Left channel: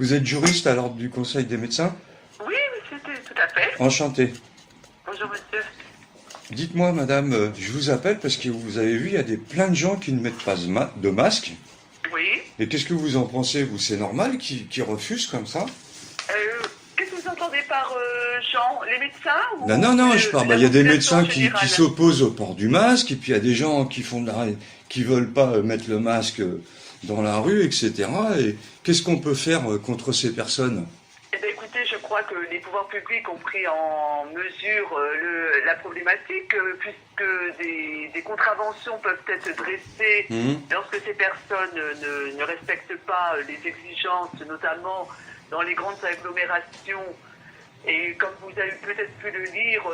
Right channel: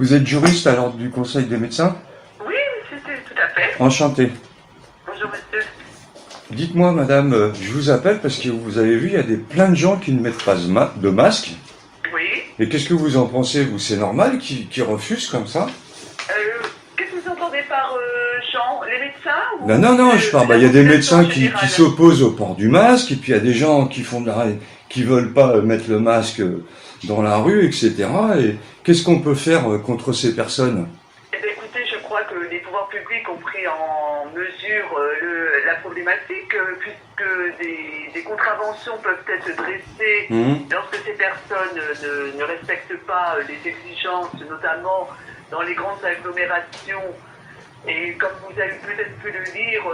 Vous êtes juriste à l'ordre du Conseil des médecins? Oui, monsieur, tout à fait. Enchanté. Bonjour, monsieur. Dites-moi, madame, je vous appelle parce que vous avez vu, il y a plein de gens qui ne mettent pas de masque. Oui. Et qu'est-ce que vous en pensez, vous? C'est normal qu'ils refusent comme ça? Qu'est-ce que vous entendez par gens? Les médecins ou Non, je parle. Il y a des médecins qui s'opposent au port du masque, et puis il y a des gens qui qui veulent pas mettre le masque dans la rue, etc. Et qu'est-ce qu'on peut faire contre ces personnes? Eh bien, écoutez, je crois que les pouvoirs publics ont pris en mesure la problématique, puisque des contraventions peuvent être dressées lorsque ces personnes ne respectent pas les exigences, notamment dans les grandes agglomérations. Et comme vous avez peut-être pu le lire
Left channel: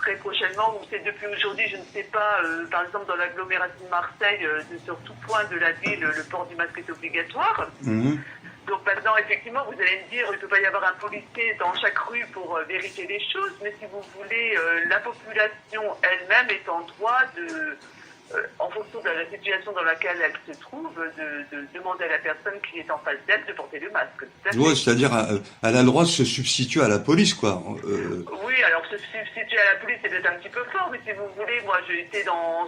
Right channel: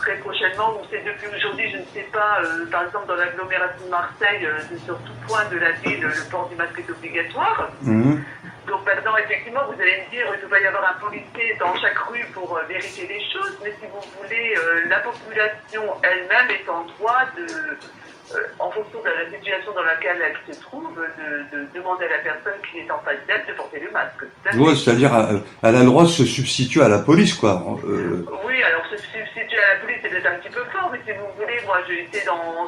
très prochainement, ou c'est depuis aujourd'hui, je ne sais pas, par exemple dans l'agglomération de Marseille, sur tout point de la ville, le port du masque est obligatoire. Donc maintenant, effectivement, vous allez me dire qu'il ne peut pas y avoir un policier dans chaque rue pour vérifier les choses, mais si vous voulez, la population elle-même est en droit en fonction de la situation dans laquelle elle se trouve, de demander à la personne qui est en face d'elle de porter le masque. Ouais, c'est-à-dire, elle a le droit de se substituer à la police, quoi. Oui, alors se substituer à la police, c'est peut-être un petit peu fort, mais si vous voulez, moi j'ai été dans...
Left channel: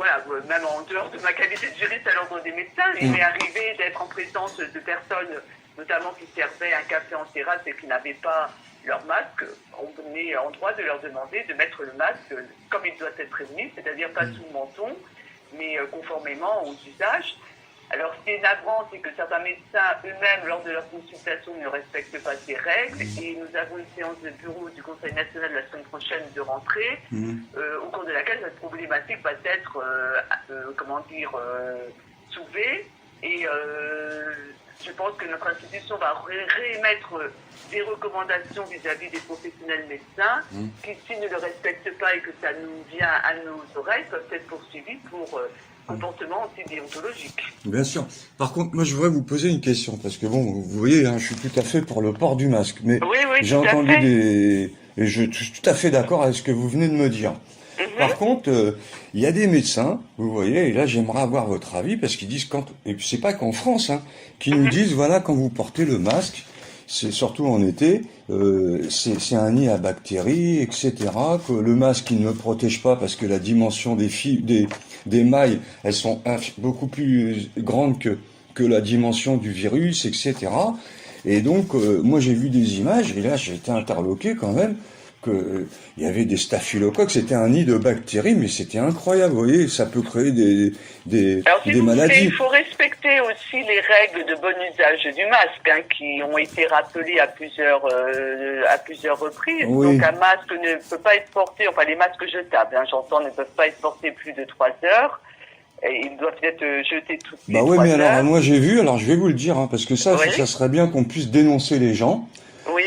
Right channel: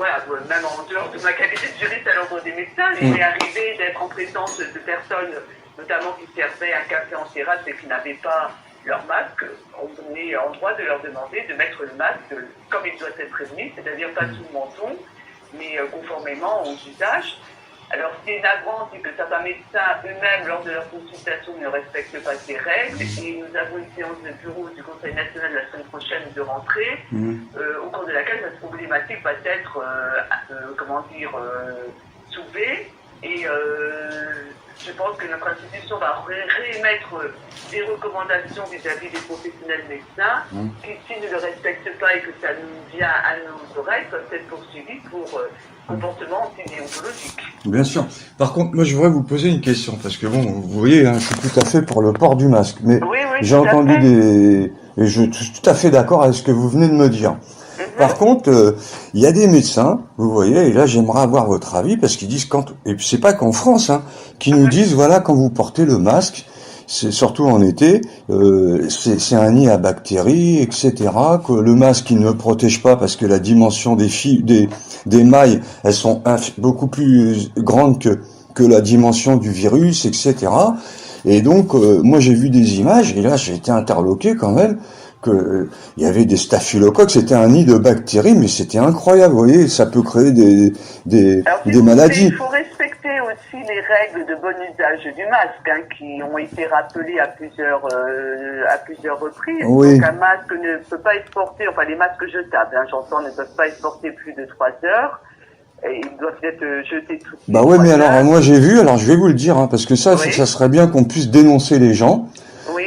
voilà, même en dehors de ma qualité de juriste à l'ordre des médecins, il m'est arrivé d'être en présence de personnes, notamment qui servaient un café en terrasse et qui n'avaient pas leur masque. On est en droit de leur demander de mettre le masque comme il doit être prévenu, c'est-à-dire pas sous le menton, mais conformément aux usages. Alors, ce qui est navrant, c'est que certains médecins eux-mêmes, lors de leur consultation, ne respectent pas ces règles. Et nous avons une séance de bureau du Conseil national la semaine prochaine de rentrée, au cours de laquelle cette problématique va être, soulevée. Et je pense que notre institution va réémettre des recommandations vis-à-vis des professionnels médecins qui, s'ils ne le respectent pas et que ça nous vient à nos oreilles, peuvent être poursuivis pour comportement antidéontologique. Bien sûr. Par contre, moi, je voudrais vous poser une question, parce que bon, vous voyez, hein, je suis tout à fait pour le port du masque, mais Oui, j'ai entendu et je suis tout à fait d'accord avec ce que vous venez de me dire. Par contre, il y a des médecins, vous voyez, et là j'aimerais avoir votre avis, parce qu'ils disent et c'est pas qu'en France, hein, qui nous disent, voilà, quand vous portez le masque, c'est surtout en été, c'est un nid à bactéries, etc., que le masque il ne protège pas parce que la dimension des mailles, elles sont beaucoup plus grandes que la dimension du virus, etc. Et donc, moi j'ai vu des images, et là j'ai été interloqué quand même, il y avait des staphylocoques, c'était un nid de bactéries, mais c'était incroyable, vous voyez, ça peut créer des maladies. Il faut respecter aussi les règles de bon usage du masque, hein, qui ont été rappelées à plusieurs reprises. Oui. Donc un masque ne peut pas être porté, enfin les masques jetables, hein, j'entends, ne peuvent pas être portés plus de 3 heures. Et ils doivent être jetés toutes les 3 mais heures. alors moi j'ai vu, alors je vais vous le dire, hein, parce que ça serait bien qu'on puisse dénoncer les gens. Oui.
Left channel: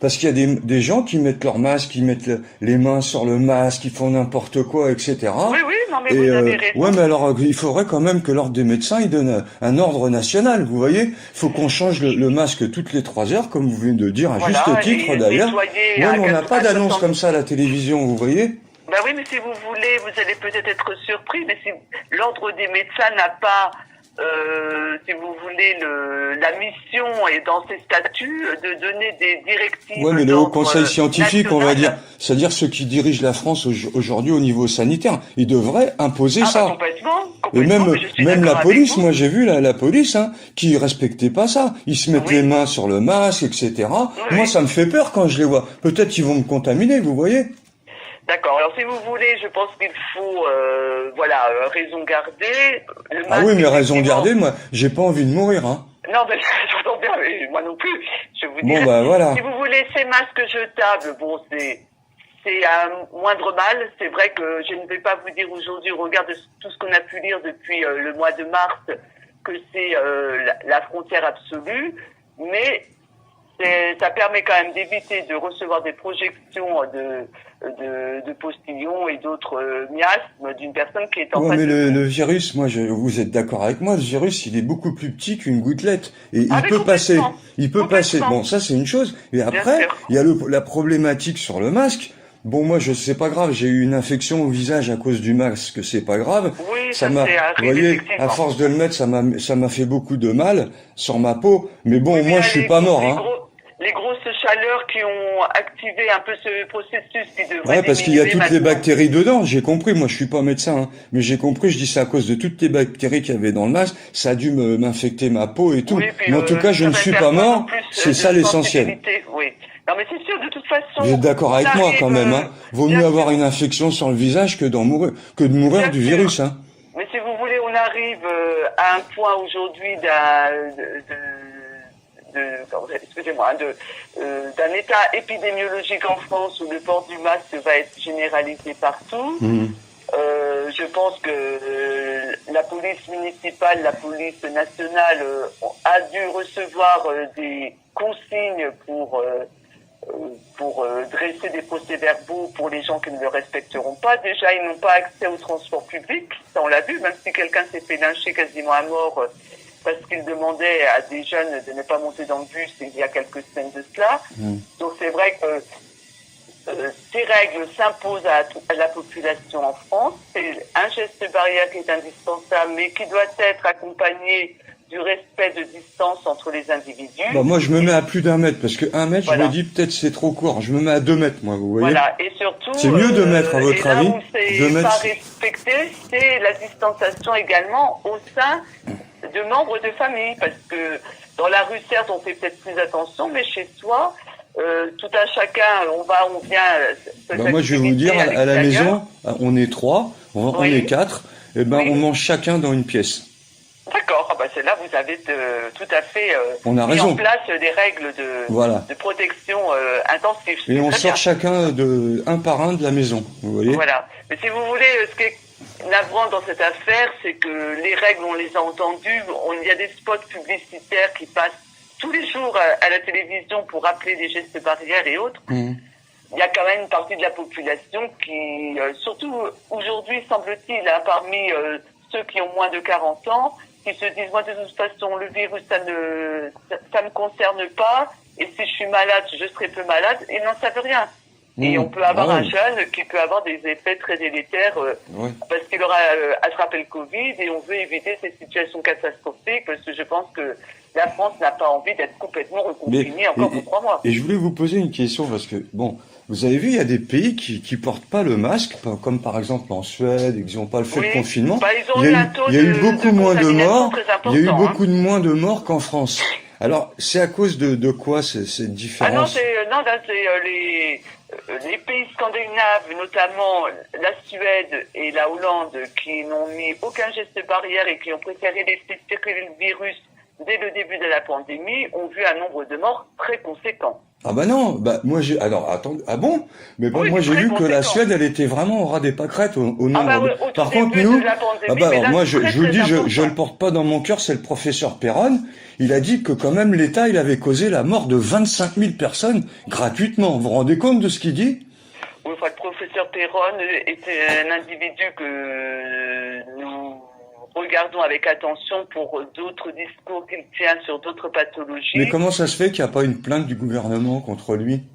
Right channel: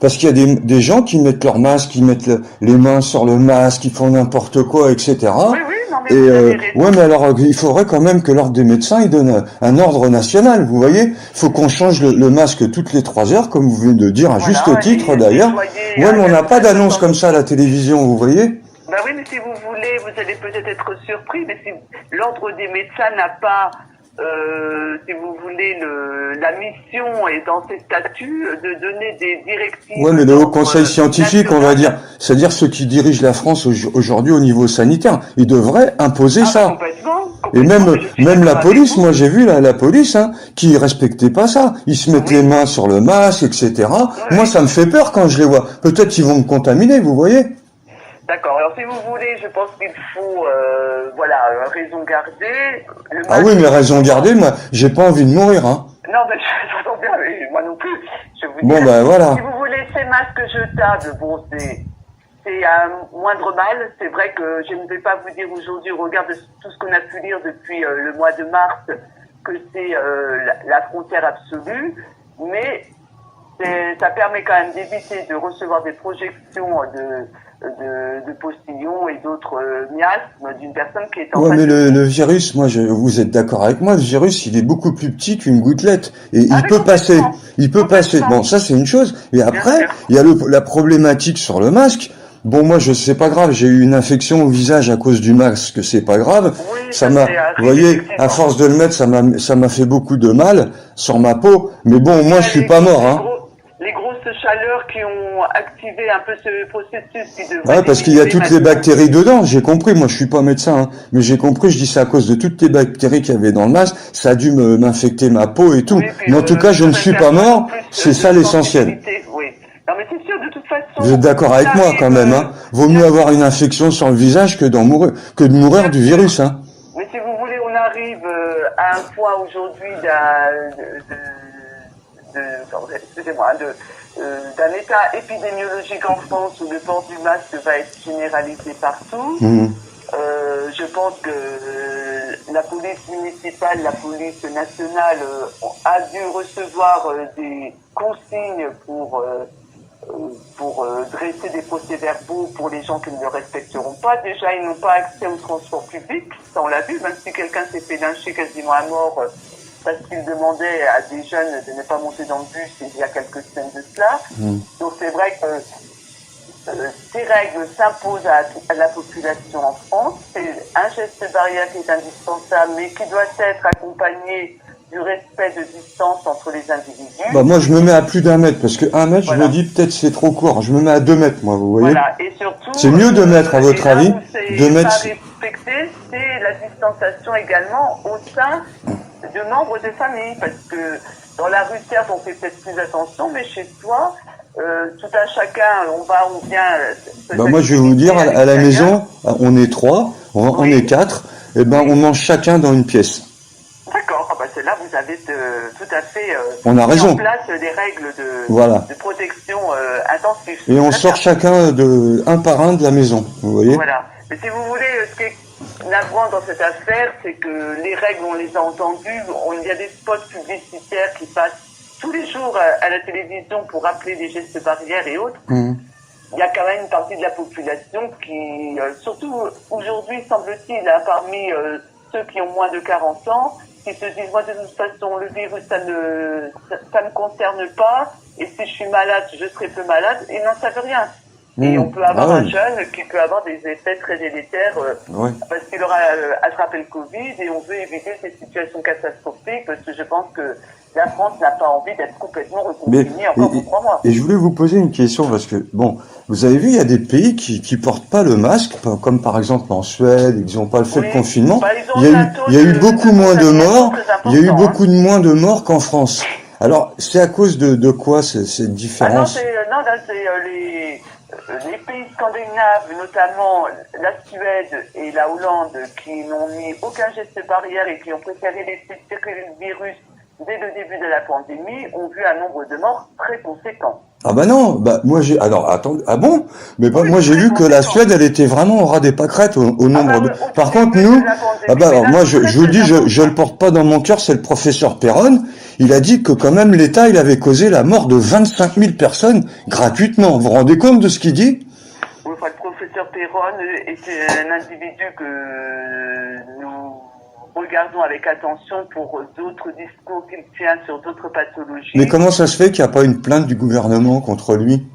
Parce qu'il y a des gens qui mettent leur masque, qui mettent les mains sur le masque, qui font n'importe quoi, etc. Oui, non, mais vous avez raison. Ouais, mais alors il faudrait quand même que l'ordre des médecins il donne un ordre national, vous voyez. Il faut qu'on change le masque toutes les 3 heures, comme vous venez de dire, à juste titre d'ailleurs. Ouais, mais on n'a pas d'annonce comme ça à la télévision, vous voyez. Ben oui, mais si vous voulez, vous allez peut-être être surpris, mais si l'ordre des médecins n'a pas, si vous voulez, la mission et dans ses statuts de donner des directives. Ouais, mais le Haut Conseil scientifique, on va dire, c'est-à-dire ceux qui dirigent la France aujourd'hui au niveau sanitaire, ils devraient imposer ça. Complètement. Et même la police, moi j'ai vu la police, hein, qui respectait pas ça. Ils se mettent les mains sur le masque, etc. Moi, ça me fait peur quand je les vois. Peut-être qu'ils vont me contaminer, vous voyez. D'accord. Alors, si vous voulez, je pense qu'il faut, raison garder. Ah oui, mais raison garder, moi, j'ai pas envie de mourir, hein. Non, mais j'entends bien, mais moi non plus. Je vous bon, voilà. Si vous voulez ces masques jetables, bon, c'est un moindre mal. C'est vrai que je ne vais pas vous dire aujourd'hui, au regard de tout ce qu'on a pu lire depuis le mois de mars, que c'est la frontière absolue, mais ça permet quand même d'éviter de recevoir des projections de postillons et d'autres miasmes d'une personne qui est en Ouais, face mais de le virus, vous êtes d'accord avec moi, le virus, il est beaucoup plus petit qu'une gouttelette. Et Ah il oui, peut passer. complètement. Il peut passer. Complètement. Bon, ça, c'est une chose. Et Bien après, sûr. il y a la problématique sur le masque. Bon, moi, c'est pas grave, j'ai eu une infection au visage à cause du masque, c'est pas grave. Oui, Ça ça m'a, c'est vous arrivé, voyez, à effectivement. force de le mettre, ça m'a fait beaucoup de mal sur ma peau. Mais bon, moi, je suis Les pas mort, hein. les grosses chaleurs qui ont activé un peu ce processus qui devrait Ouais, parce qu'il y a diminuer toutes les maintenant. bactéries dedans, j'ai compris, moi je suis pas médecin, hein, mais j'ai compris, je dis c'est à cause de toutes les bactéries qu'il y avait dans le masque, ça a dû m'infecter ma peau et tout. Oui, puis Mais en tout cas, je ne suis pas mort, c'est ça l'essentiel. Oui. Non, mais c'est sûr, de toute façon. Vous êtes d'accord avec moi quand même, hein? Vaut mieux avoir une infection sur le visage que de mourir du virus, hein. Mais si vous voulez, on arrive à un point aujourd'hui excusez-moi, d'un état épidémiologique en France où le port du masque va être généralisé partout. Mmh. Je pense que la police municipale, la police nationale a dû recevoir des consignes pour dresser des procès-verbaux pour les gens qui ne le respecteront pas. Déjà, ils n'ont pas accès au transport public, ça on l'a vu, même si quelqu'un s'est fait lyncher quasiment à mort parce qu'il demandait à des jeunes de ne pas monter dans le bus il y a quelques semaines de cela. Donc c'est vrai que ces règles s'imposent à la population en France. C'est un geste barrière qui est indispensable, mais qui doit être accompagné du respect de distance entre les individus. Bah moi je me mets à plus d'1 mètre, parce que 1 mètre, Voilà. je me dis peut-être c'est trop court, je me mets à 2 mètres moi, vous voyez. Voilà, et surtout... C'est mieux 2 mètres à votre avis, 2 mètres. Ce qui n'est pas respecté, c'est la distanciation également au sein de membres de famille, parce que dans la rue, certes, on fait peut-être plus attention, mais chez soi, tout un chacun, on vient... Bah moi je vais vous dire, à la maison, on est 3, on est 4, et ben on mange chacun dans une pièce. D'accord, bah c'est là vous avez tout à fait on a raison. mis en place des règles de protection intensive. Et on sort chacun un par un de la maison, vous voyez. Voilà. Mais si vous voulez, ce qui est navrant dans cette affaire, c'est que les règles, on les a entendues. Il y a des spots publicitaires qui passent tous les jours à la télévision pour rappeler des gestes barrières et autres. Il y a quand même une partie de la population qui, surtout aujourd'hui, semble-t-il, parmi ceux qui ont moins de 40 ans, qui se disent, moi de toute façon, le virus, ça me concerne pas, et si je suis malade, je serai peu malade, et n'en savent rien. Et on peut avoir un jeune qui peut avoir des effets très délétères parce qu'il aura attrapé le Covid, et on veut éviter ces situations catastrophiques, parce que je pense que la France n'a pas envie d'être complètement reconfinée encore pour 3 mois. Et je voulais vous poser une question, parce que, bon, vous avez vu, il y a des pays qui portent pas le masque, comme par exemple en Suède, ils n'ont pas fait le confinement. Bah, il y a eu beaucoup moins de morts, il y a eu beaucoup moins de morts qu'en France. Alors, c'est à cause de quoi cette différence? Non, c'est les pays scandinaves, notamment la Suède et la Hollande, qui n'ont mis aucun geste barrière et qui ont préféré laisser circuler le virus dès le début de la pandémie, ont vu un nombre de morts très conséquent. Ah bah non, moi alors attends, ah bon? Mais moi j'ai vu que la Suède elle était vraiment au ras des pâquerettes au nombre de... Par contre nous, moi je vous le dis, je le porte pas dans mon cœur, c'est le professeur Perron, il a dit que quand même l'État il avait causé la mort de 25 000 personnes gratuitement. Vous vous rendez compte de ce qu'il dit? Oui, le professeur Perron était un individu que nous regardons avec attention pour d'autres discours qu'il tient sur d'autres pathologies. Mais comment ça se fait qu'il n'y a pas une plainte du gouvernement contre lui?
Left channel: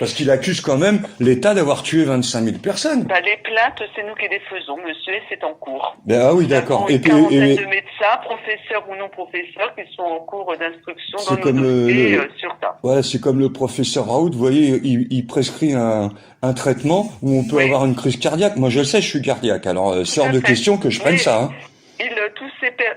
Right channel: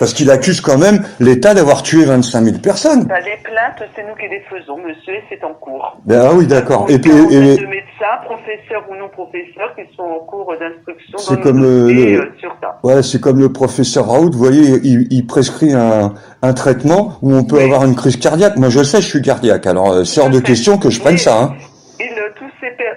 Parce qu'il accuse quand même l'État d'avoir tué 25 000 personnes. Les plaintes, c'est nous qui les faisons, monsieur, et c'est en cours. Ah oui, d'accord. Et puis, de médecins, professeurs ou non professeurs, qui sont en cours d'instruction c'est comme sur ça. Ouais, c'est comme le professeur Raoult, vous voyez, il prescrit un traitement où on peut avoir une crise cardiaque. Moi, je le sais, je suis cardiaque, alors c'est hors de question que je prenne ça. Hein.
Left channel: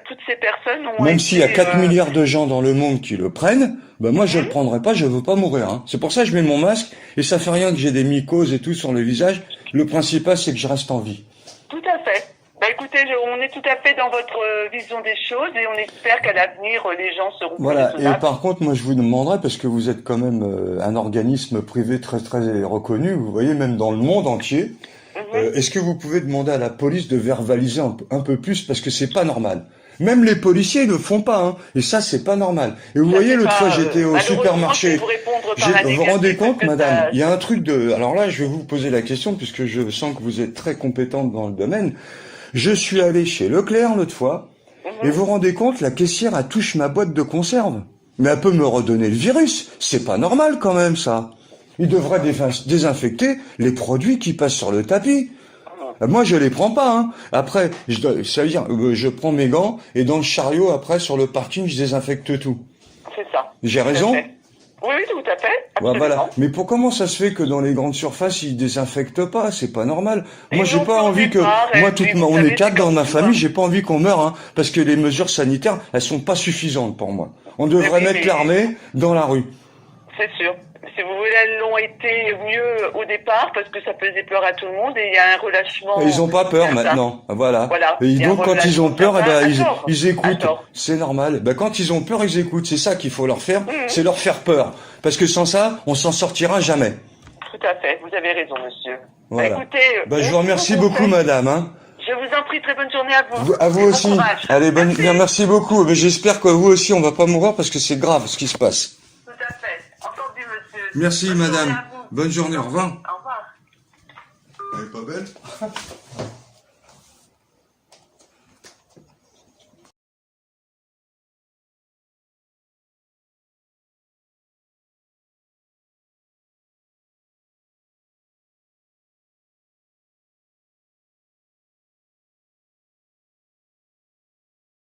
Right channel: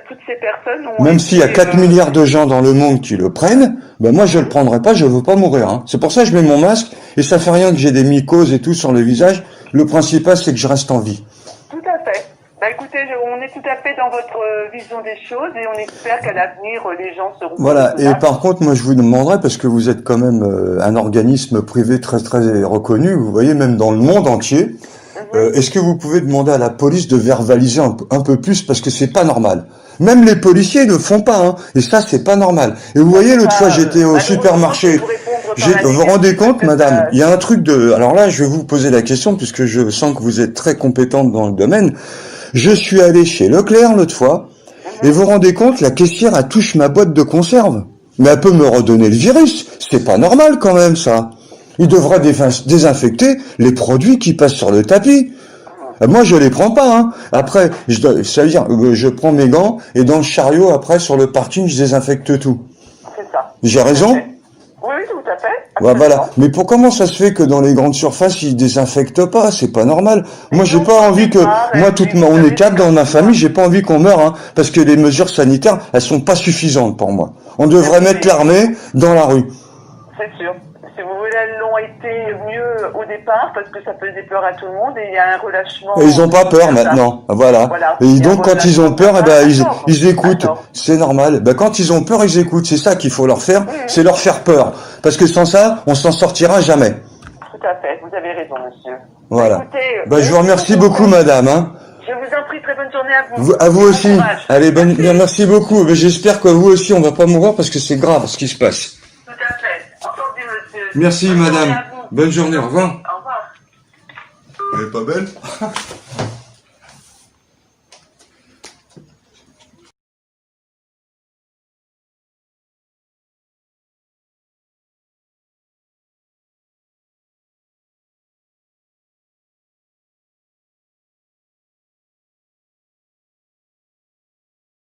Toutes ces personnes ont même s'il y a 4 milliards de gens dans le monde qui le prennent, ben moi je le prendrai pas, je veux pas mourir. Hein. C'est pour ça que je mets mon masque, et ça fait rien que j'ai des mycoses et tout sur le visage. Le principal, c'est que je reste en vie. Tout à fait. Bah écoutez, on est tout à fait dans votre vision des choses, et on espère qu'à l'avenir, les gens seront... Voilà, et par contre, moi je vous demanderais, parce que vous êtes quand même un organisme privé très très reconnu, vous voyez, même dans le monde entier, est-ce que vous pouvez demander à la police de verbaliser un peu plus, parce que c'est pas normal. Même les policiers ne le font pas, hein. Et ça, c'est pas normal. Et vous voyez, l'autre fois, j'étais au supermarché. Vous vous rendez compte, madame, il y a un truc de... Alors là, je vais vous poser la question, puisque je sens que vous êtes très compétente dans le domaine. Je suis allé chez Leclerc l'autre fois, et vous vous rendez compte, la caissière, elle touche ma boîte de conserve. Mais elle peut me redonner le virus. C'est pas normal quand même, ça. Il devrait désinfecter les produits qui passent sur le tapis. Moi, je les prends pas, hein. Après, ça veut dire, je prends mes gants, et dans le chariot, après, sur le parking, je désinfecte tout. C'est ça. J'ai raison? Oui, tout à fait. Ouais, voilà. Mais comment ça se fait que dans les grandes surfaces, ils désinfectent pas? C'est pas normal. Moi, j'ai pas envie que, on est 4 dans ma famille, j'ai pas envie qu'on meure, hein, parce que les mesures sanitaires, elles sont pas suffisantes pour moi. On devrait mettre l'armée dans la rue. C'est sûr. Si vous voulez, elles l'ont été mieux au départ, parce que ça faisait peur à tout le monde, et il y a un relâchement. Et ils ont pas peur maintenant. Voilà. Et donc, quand ils ont peur, eh ben, ils écoutent. C'est normal. Ben, quand ils ont peur, ils écoutent. C'est ça qu'il faut leur faire. C'est leur faire peur. Parce que sans ça, on s'en sortira jamais. Tout à fait. Vous avez raison, monsieur. Voilà. Écoutez, je vous remercie beaucoup, madame, hein. Je vous en prie, très bonne journée à vous. À vous aussi. Allez, merci beaucoup. J'espère que vous aussi, on va pas mourir parce que c'est grave ce qui se passe. Tout à fait. Entendu, monsieur. Merci, madame. Bonne journée. Au revoir. Au revoir. Elle est pas belle?